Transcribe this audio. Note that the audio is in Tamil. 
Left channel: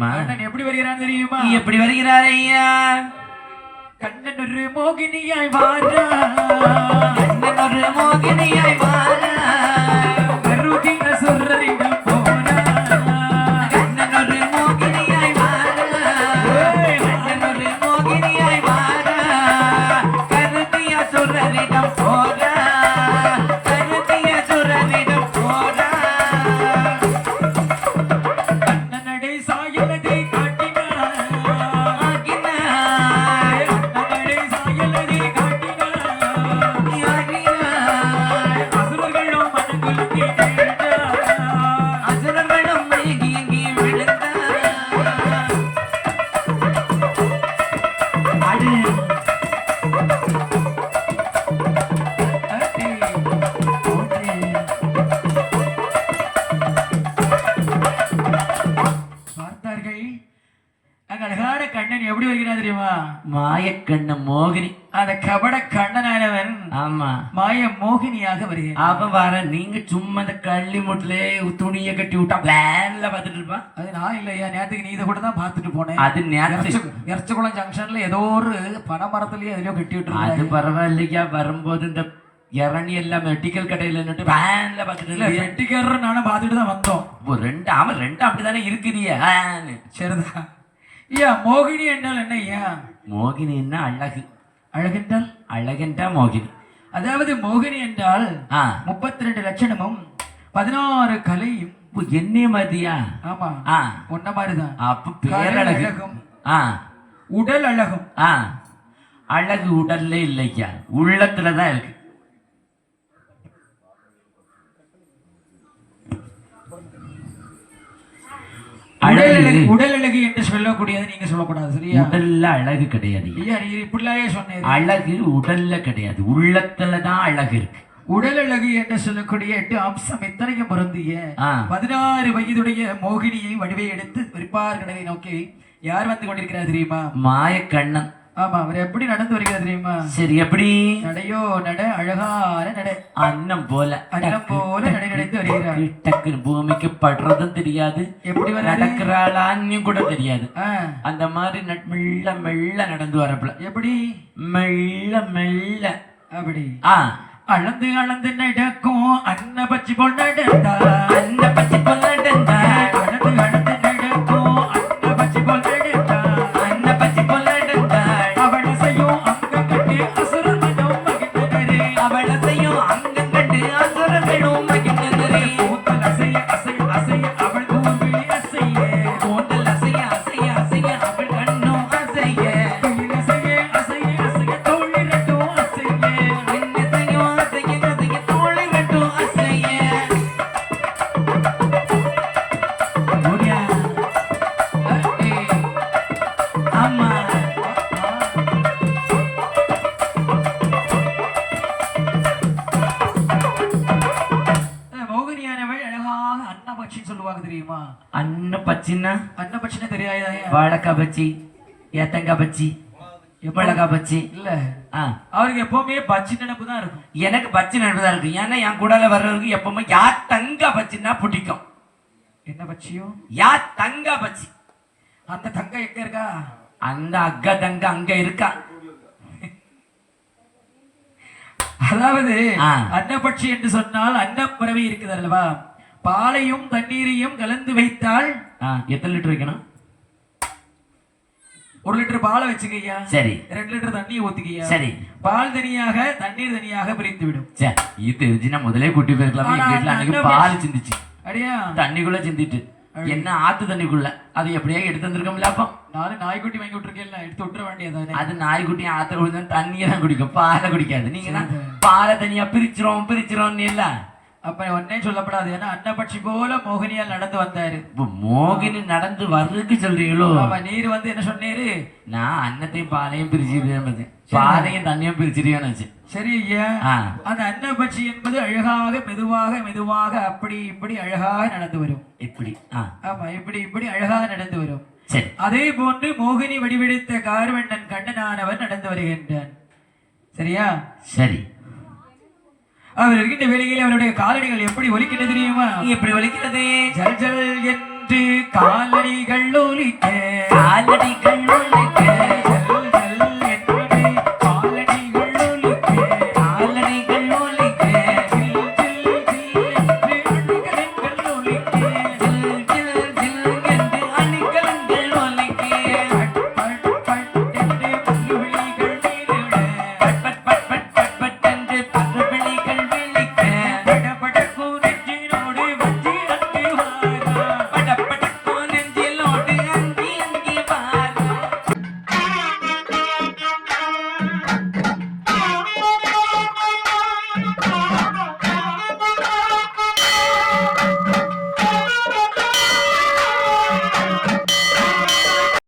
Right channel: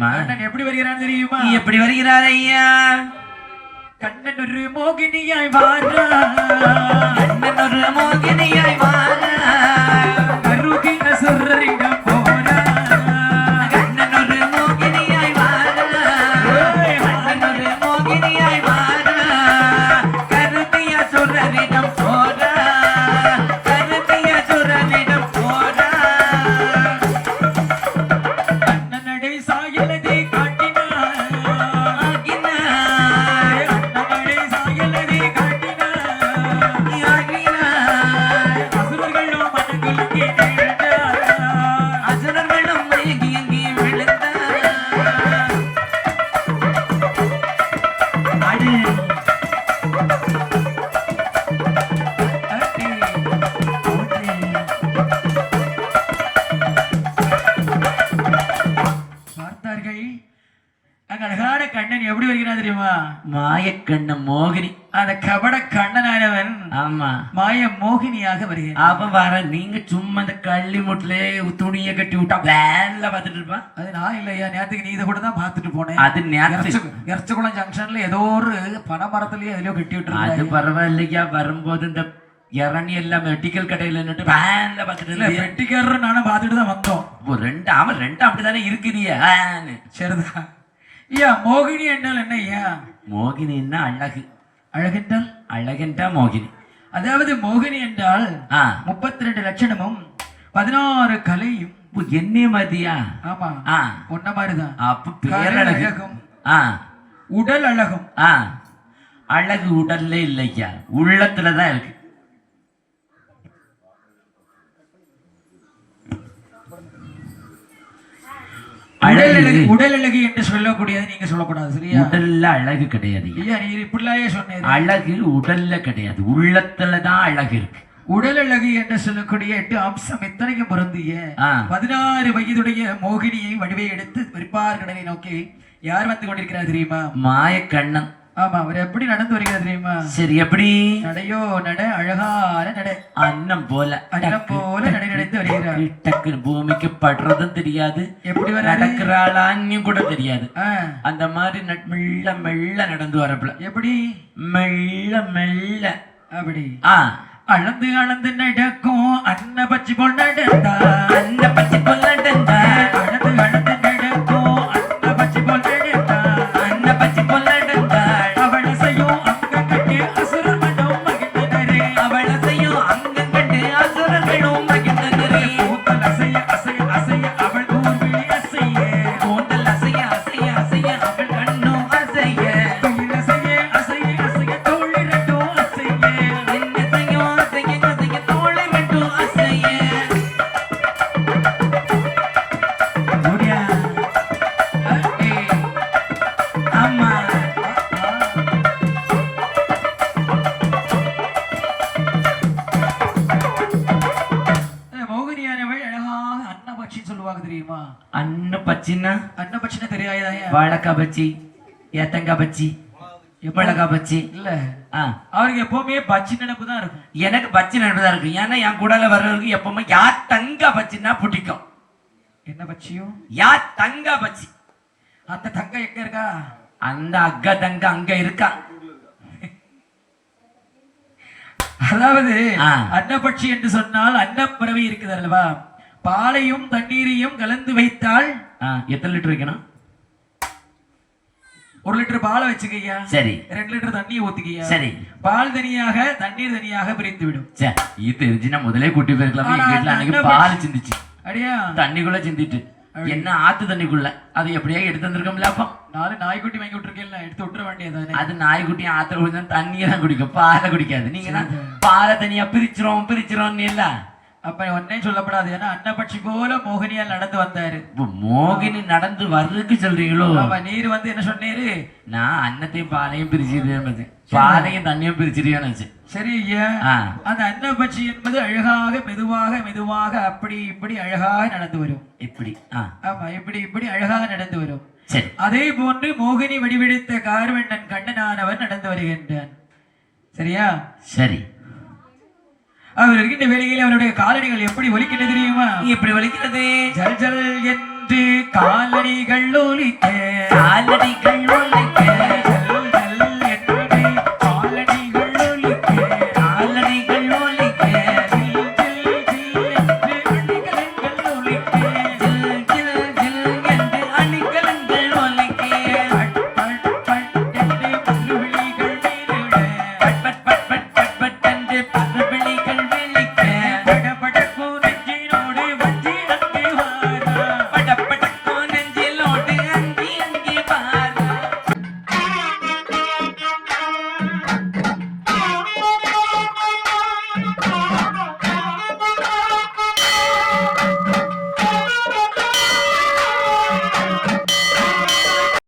கண்ணன் எப்படி வருகிறான் தெரியுமா? எப்படி வருகிறார் ஐயா? கண்ணன் ஒரு மோகினியாய் வாரா, கண்ணன் ஒரு மோகினியாய் வாரா, கருகின சுரரிடம் போரா. கண்ணன் ஒரு மோகினியாய் வாரா, கண்ணன் ஒரு மோகினியாய் வாரா, கருதிய சுரரிடம் போரா, கருதிய சுரரிடம் போரா. கண்ணனடை சாயலதை காட்டினார், கண்ணனடை சாயலதை காட்டினார். அசுரர்களும் மனங்குலுங்கி விழுந்தார், அசுரர்களும் மயங்கி விழுந்தார். அடு பார்த்தார்கள். அங்க அழகான கண்ணன் எப்படி வருகிறான் தெரியுமா? மாயக்கண்ண மோகினி. அந்த கபட கண்ணனானவன் ஆமா, மாய மோகினியாக வருகிறான். அவன் வர நீங்க சும்மா இந்த கள்ளி முட்டுல துணியை கட்டி விட்டா வேன்ல பாத்துட்டு இருப்பான். அது நான் இல்லையா, நேரத்துக்கு நீ இதை கூட தான் பார்த்துட்டு போனேன். அது நேரத்துக்கு எரச்சகுளம் ஜங்ஷன்ல ஏதோ ஒரு பனைமரத்துலயே எதுலயோ கட்டி அது விட்டு பரவாயில்லையா, வரும்போது இந்த இறங்கி எல்லாம் மெடிக்கல் கடையில நின்று வேன்ல பாத்துட்டு வெட்டிக்காரர் நானும் பார்த்துட்டு தான் வந்தோம். ரெண்டு அவன் ரெண்டு அப்படித்தானே இருக்கிறிய. சரிதான். ஐயா மோகினி என்றால் என்ன ஐயா? மோகினின்னா அழகு, அழகென்றால் அழகென்றா மோகினி. அதாவது மோகினி என்றால் 32 லட்சணமும் 16 கலையும். என்ன மாதிரியா? ஆமா, ஆ ஒன்ன மாதிரிதான். அப்ப பேரழகு. ஆ உடல் அழகும். ஆ அழகு உடல்ல இல்லையா, உள்ளத்துலதான் இருக்கு. உடல் அழகு என்று சொல்லக்கூடியது நீங்க சொல்லக்கூடாது, சரியா? உடல்ல அழகு கிடையாது ஐயா, நீ இப்படிலாயே சொன்னேன். அழகு உடல்ல கிடையாது, உள்ளத்துலதான் அழகு இருக்கு. உடல் அழகு என்று சொல்லக்கூடிய 8 அம்சம் இத்தனைக்கும் பொருந்திய 16 வயதுடைய மோகினியை வடிவை எடுத்து விற்பார் கடலை நோக்கி யார் வந்து கொண்டிருக்கிறார் தெரியுமா? மாயக்கண்ணன். ஆமா, அவர் எப்படி நடந்து வருகிறார் தெரியுமா? சரி, எப்படி நடையோ நட, அழகான நட, அன்னம் போல அன்னம் போல நடை நடந்து வருகிறார். டக்குன்னு பூமிக்கு படுறதும் தெரியாது, எப்படி வர நடக்கிறாளான்னு கூட தெரியாது. அந்த மாதிரி மெல்ல மெல்ல நடந்து வரப்பல. எப்படி? மெல்ல மெல்ல அப்படி அளந்து அளந்து நடக்கும் அன்ன பச்சி போல் நடந்தா, அந்த பச்சி போல் நடந்தா, அளந்து அளந்து நடக்கும் அன்ன பச்சி போல் நடந்தா, அந்த பச்சி போல் நடந்தா. அவளசையும் அங்க கட்டு அசுரர் மனம் மகிழ்ந்தனரே, அவளசையும் அங்க கண்டு அசுரர்களும் மகிழ்ந்தனரே. கூந்தல் அசைய அசைய அசைய அவள் கூர்விழி அசைய, கூந்தல் அசைய அசைய அசைய அவள் கண்ணும் அசைய, கையில் அசைய அசைய அசைய தோள் இரண்டும் அசைய, என்னத்தையும் அசைய அசைய தோளை மட்டும் அசைய. ஓடியா. ஆமா, மோகினியானவள் அழகாக அன்னபட்சி சொல்லுவாங்க தெரியுமா? அன்ன பச்சின்னா அன்னபட்சினா தெரியாதா? வாழைக்காய் பச்சி, ஏத்தங்காய் பச்சி, மிளகாய் பச்சி. இல்ல, ஆ, அவருக்கு எப்பவுமே பச்சி நினைப்பு தான் இருக்கும். எனக்கு பச்சி நினைப்புதான் இருக்கு. ஏன்னா என் கூடல வர்றவருக்கு எப்பவுமே யா தங்க பச்சின்னா பிடிக்கும். என்ன பச்சியும்? யா தங்க பச்சி. அந்த தங்கம் எங்க இருக்கா? அந்த அக்கா தங்க அங்க இருக்கா. அதாவது ஆ. அன்னபட்சி என்று சொன்னால் அன்னப்பறவை இருக்குது அல்லவா? பாலையும் தண்ணீரையும் கலந்து வைத்தால் எத்தனை லிட்டர் வைக்கணும்? 1 லிட்டர் பாலை வச்சுக்கையா, சரி 2 லிட்டர் தண்ணியை ஊத்திக்கையா, சரி. பால் தனியாக தண்ணீர் தனியாக பிரிந்து விடும். இது தெரிஞ்சுன்னா முதலே கூட்டி போயிருக்கலாம். எங்க வீட்டுல அன்னைக்கு பால் சிந்திச்சு அடியா தண்ணிக்குள்ள சிந்திட்டு என்ன ஆத்து தண்ணிக்குள்ள அது எப்படியா எடுத்து வந்திருக்கோம்ல. அப்போ 4 நாய்க்குட்டி வாங்கி விட்டுருக்கேன், எடுத்து விட்டுற வேண்டியதானே. அது நாய்க்குட்டி ஆத்துல விழுந்தா தண்ணியை தான் குடிக்கும், பாலை குடிக்காது. நீங்க பாலை தனியா பிரிச்சிரும் இல்ல. அப்ப ஒன்னே சொல்லப்படாது. ஏன்னா அன்னபட்சி போல மோகினியால் நடந்து வந்தாரு. மோகினி நடந்து வர்றதுக்கு சொல்றீங்களோ? நீர் வந்து என்ன சொன்னீரு? நான் அன்னத்தையும் பாலையும் பிரிச்சுட்டு பாலையும் தண்ணியும் பிரிச்சிருக்கேன்னு. சரி ஐயா, அந்த அன்னபட்சி என்பது அழகாக மெதுவாக மெதுவாக அப்படி இப்படி அழகாக நடந்து வரும். இப்படி ஆமா, இப்படி இப்படி அழகாக நடந்து வரும். சரி, அதே போன்று மோகினி வடிவெடுத்த கார்வண்ணன் கண்ணனானவர் நடந்து வருகின்றான். சரியா? சரி. அவர் இருக்கின்ற வேளையில் அவருடைய காலணிகள் எப்படி ஒலிக்கிறது தெரியுமா? எப்படி ஒலிக்கிறது? ஜல் ஜல் என்று காலடிகள் ஒலிக்க காலடிகள்